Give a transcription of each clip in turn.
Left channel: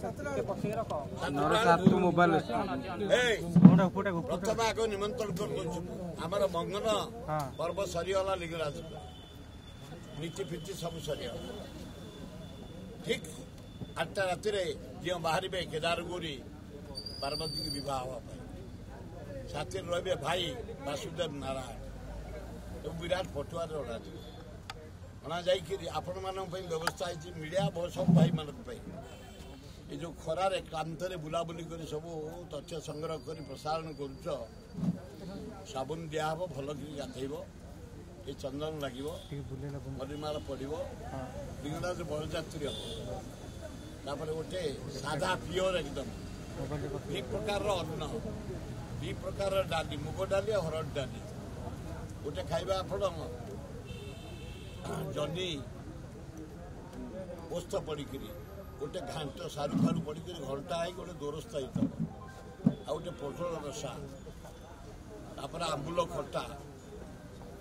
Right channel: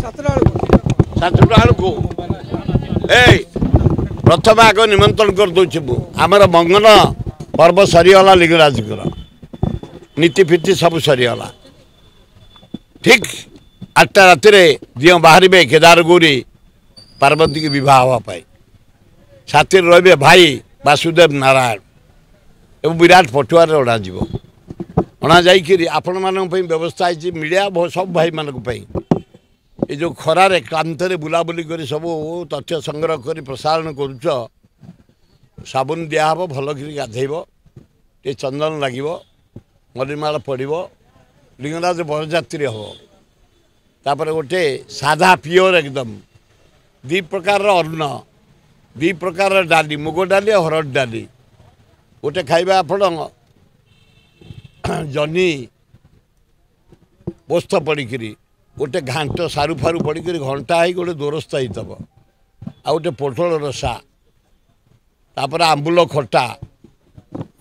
सातटा को प्रथम आग निमंत्रण कर दूची आमर मंगन पर्व सरीगला लिंगराज नीति फीति सब सरीगला ठीक 8टा राति दियो बाहर केदार गौरी पार्वती की विवाह हाँपाई साथी रे भाई वासुदेव नारायण एवं विराट पटुआर अणा जाकि आपण मान व्यवस्था है मीडिया सब भाई मानक ये जो खरारे क्लांतरे बुलाबुली कर सब तथ्य संग्रह कर प्रसारण करुच साबुन दिहब भल कर गाधेब ये चंदन लगे मलिमाल पड़ो लिंगराज बरजात्री हम तापर गोटे साधा प्योर एकदम 2 प्रकार अन्न 2 प्रकार डाली मुग डाली हरड़ डाली गोटे खाइबा आपण जनी पोस्त पड़िकी गोटे घाट सारू फारू पड़िक घंटा है गोटे दोरस्ता होतब आ गोटे पोटल रसा तापर आंबुल खटा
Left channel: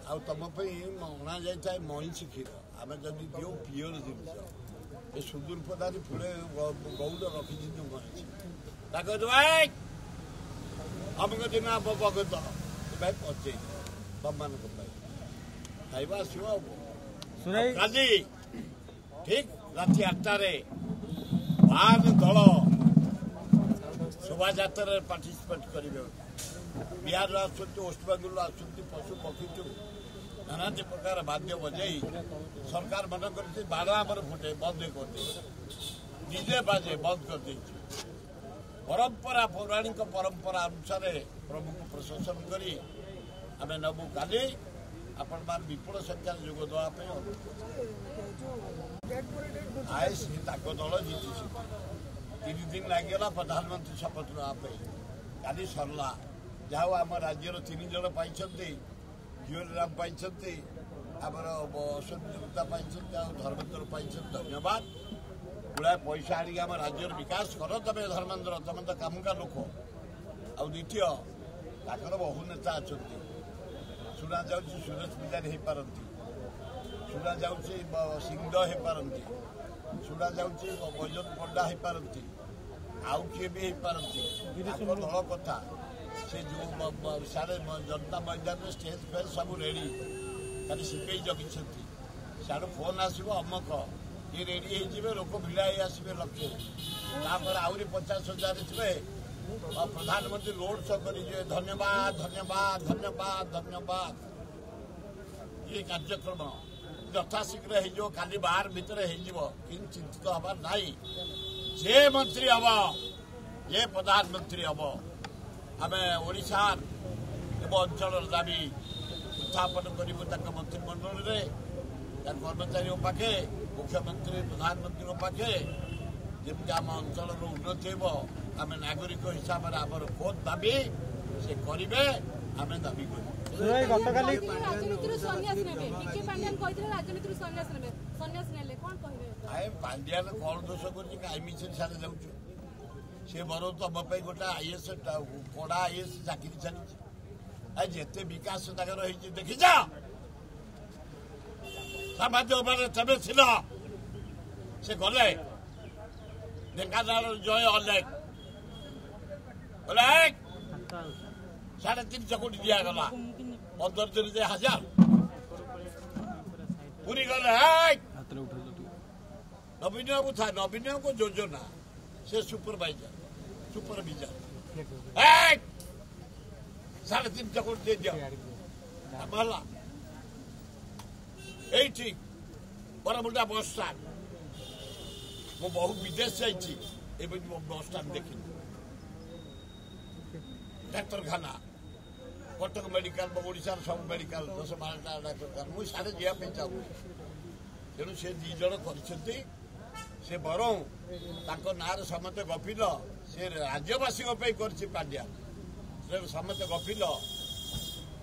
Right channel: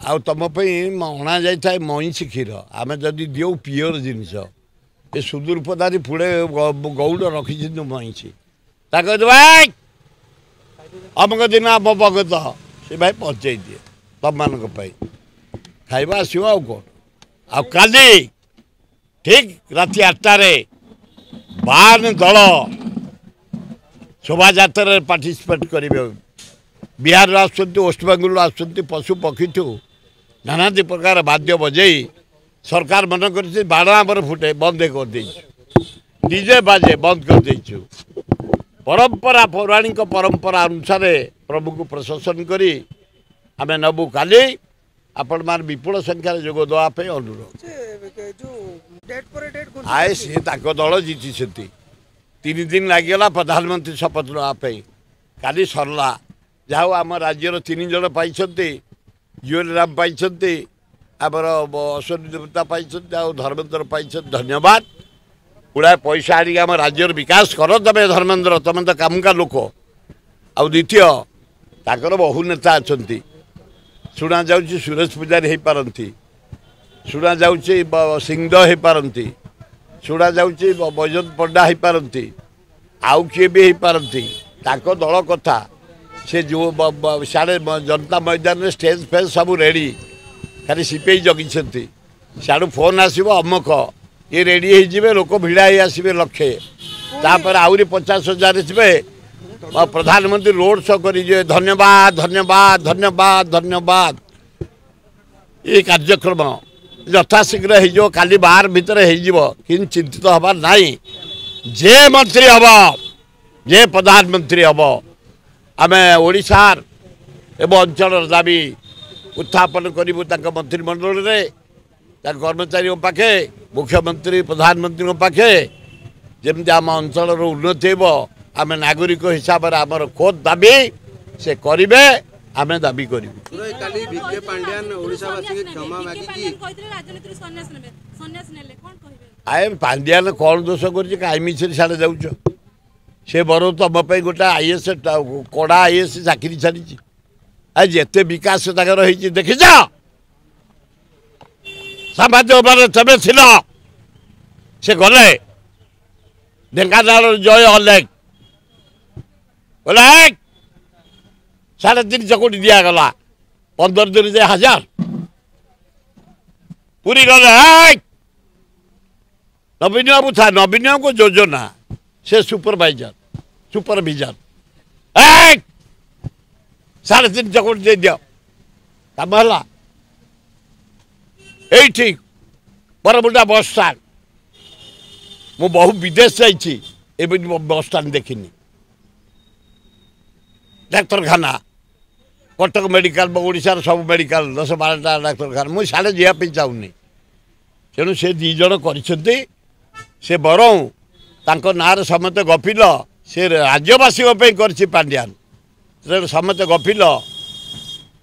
आ तुम अणा जाए मईसी क्षीर आम जदि दिव पिओर जिनस ये सुदूर पदारी पुड़े गौड़ रखी मईसी भाई अमुक दिन आम भगत से भाई पहुँचे दिए तुम मान खाइबा आसो आ कौन आली ठीक राति 8टारे 52 दल शोभा यात्रा पार्टिसिपेट करेंगे बिहार वेस्ट बेंगल आसुँच पशु पक्षी ठू नाना प्रकार वाद्य बजई सरकार मन कर बाण फुटे बंद कर डीजे बाजे बंद कर देचु परंपरा पौराणिक परंपरा अनुसार प्रभु को प्रशंसन करी आम नबू काली आपण मान विपुल संख्यार जोग देवाई अनुरोध आए सी दल जीति 3 दिन लगिगला प्रधानमंत्री शपथ नापी काली सरला जहाँ आम राज्यर 3 जन पाई जुएल राम पाई आमर अश्विनी देवता पाई धर्मेन्द्र पाई धन्यवाद गुड़ाए पैसा आनिक आम राज्यर विकास कर तमें धर्मेन्द्र तुम तो कामुका लोक आ द्वितीय ताकर बहु नेता अच्छा शुणा जाऊँगी सुरेश पूजारी हो पारती शुणा जाऊँगी सिंहदेव हो पारती शुणा जाऊँगी बैजंत पंडा हो पारती आउ किए भी हो पारती दल कथा से जो साढ़े जनता मैदान में स्टेज फेज सब रेडी खाली सीपे जगी साड़ू फोन आसो अमुक ये रेडी हो लोक भिड़ा ही आसवे लक्षे तापर आहरी 50,000 थे प्रधानमंत्री रोड शो करेंगे धन्यवाद धन्यवाद धन्यवाद धन्यवाद ये कार्यक्रम यथाशीघ्र हो काली 12 भितर हो चिंतित हबार नाई जे मंत्री हम जे प्रधानमंत्री हम आम ओडिशार एवं अंचल दाबी उत्थापन करूँ मंत्रिमंडल में कर्मचारी पाखे मुख्यमंत्री प्रधानमंत्री पाखे जमी आम अंचल उन्नति हो आम नागरिक हिसाब से आमर खोद दाबी से करेंगे आम दाबी करूँ आए पांड्यान कौन दोष कर कहीं मिछे साढ़े जाऊच से बर तुम गोटे आईएस कड़ा आईएस चाकरी छाड़ी आज जिते विकास देखी जा सामाजिक तमें थिल से गले ढेंकानाल जय अलेख बोले 3.5 चकोटी दिगला 15 दिन जे 1000 पूरी गले नवीन बाबू था नवीन बाबू को योजना से सुपरविजन 3.5 चकोटी दे दियो कम है ये बरमुंडा बस स्टाण्ड मु बहु विदेश जाइए बस स्टाण्ड देखनी डाक्तरखाना कटक मेडिकल ओडिशार सब मेडिकल 10-12टा डाक्तरखाना मुझे साढ़े जावाई चाहूनी तेणु से 2 जन कर बरऊ ना समस्त गपिल से राज्यवासी कर पांड्यान समस्त गपिल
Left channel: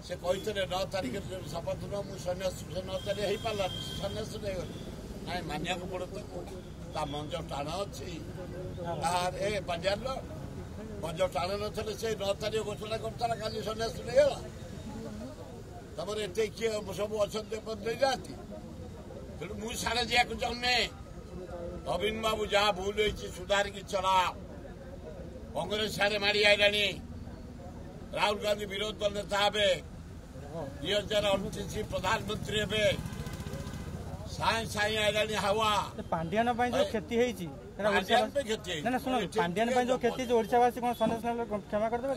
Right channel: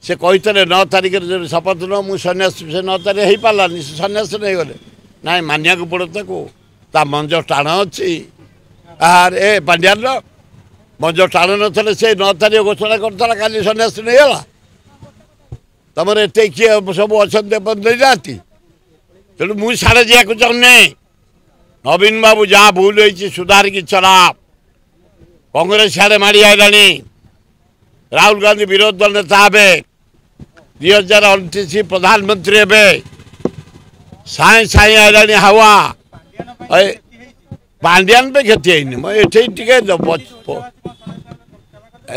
से कहते 9 तारिख शपथ न मुझे सन्यास से 9 तारिख हो पारानी से सन्यास नहीं गले ना मानिया पड़ो ता मंज टाण अच्छी ए पांड्यान मंज टाण न से 9 तारिख घोषणा करता काली सन्यास नहीं गला तुम एत किए सब अच्छा नहीं तेणु मुझे साढ़े जावाक चाहूनी नवीन बाबू जहाँ भूल होती सुधार की चला कांग्रेस सियाड़े माड़ी आईलानी राहुल गांधी विरोधी दल नेता हे 2029 प्रधानमंत्री हे साए साए आईलानी हवा पांड्यान पे क्षति है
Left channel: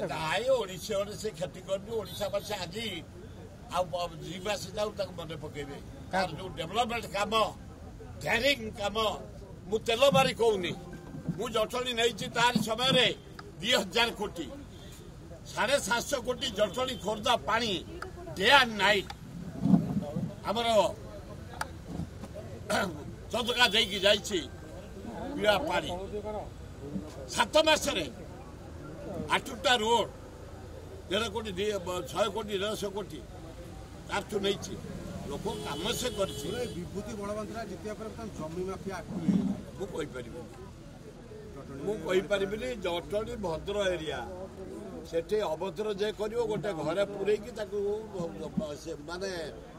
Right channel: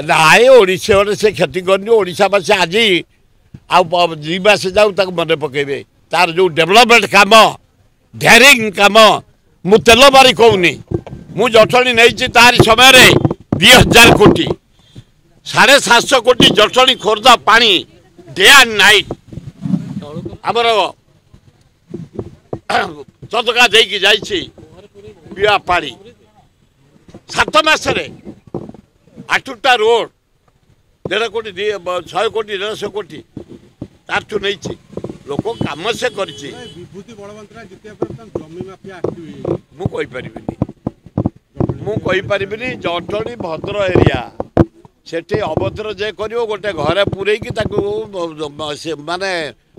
नाई ओडिशा से क्षति करनी ओडिशावासी आज आवास जाऊ मन पकेबे तार जो डेवलपमेंट काम ढेरिंग काम मु तेल बारी कहूनी मु जटणी नहीं तारी समय 2000 कोटी 750 कोटी जटणी खोर्धा पानी डे एंड नाइट आमर चतका देकी जाइछि पिया पानी 7 मासरे 8टा रोड 1.5 कोटी 100 कोटी 150 कोटी तारठू नहीं लोक कम से कर जटणी भद्र एरिया सेठी अभद्र जे कर गोटे घरे पूरे माने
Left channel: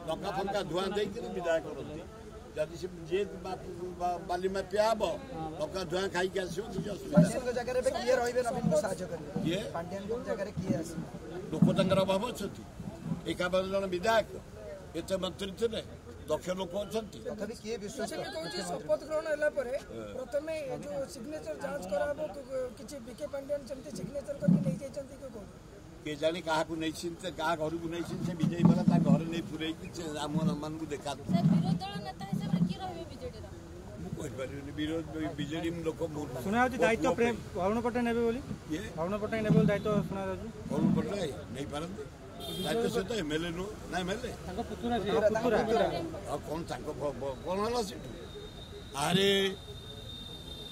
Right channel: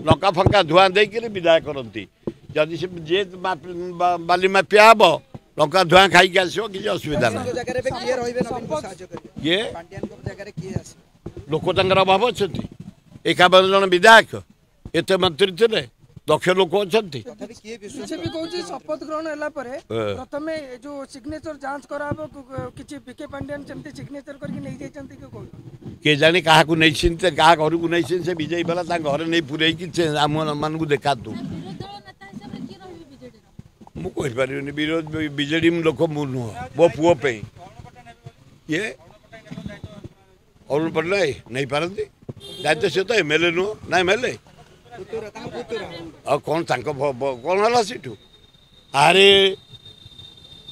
लंका फंका धुआं देकर विदाय करती जदि से जे बाली माफिया हम लंका धुआं खाई आसो किसी असुविधा ना ये लोक अभाव अच्छा 51 जन विधायक एत मंत्री थे दक्ष लोक अच्छा शपथ ग्रहण प्रथम जो सिग्नेचर जांच कराबो किछि बीके पांड्यान सेमते सिग्नेचर करके नहीं जाइछन्ती के कोन के जाने कहा को नहीं चिंते कहा घर को नहीं चिंते विजय वाला ता घर नहीं पुरई कि आम मान को देखा तू मु कहि पारिबनी विरोध बीजेडी लोक मु नो मो पुओ पे अरुण पटेल नेबे बोली ये अरुण पटेल नेबे बोली दायित्व सुना राजू अरुण पटेल नहीं पारंती दायित्व से तो एमएलए नो ना एमएलए और कौन कौन हला सीटू अरे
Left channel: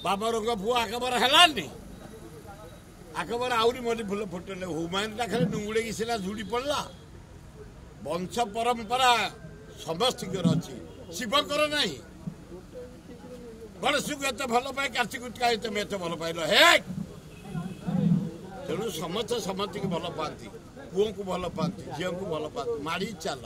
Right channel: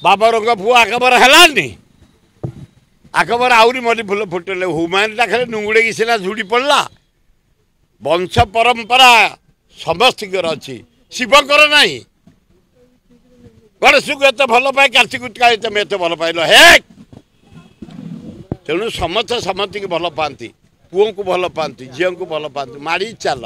बाबा रंग पुओ आकबर हलानी आकबर आउरी मली फुल फुटेले हुमायन खाली नुंगुड़े की सीना झुड़ी पड़ला वंश परंपरा समस्त अच्छी शिवकर नहीं गणेश को एत भल पाए कार्तिक तुम एत भल पाइल हे तेणु समस्त समस्त की भल पाती पुओं को भल पाती झील को भल पाती माड़ी चल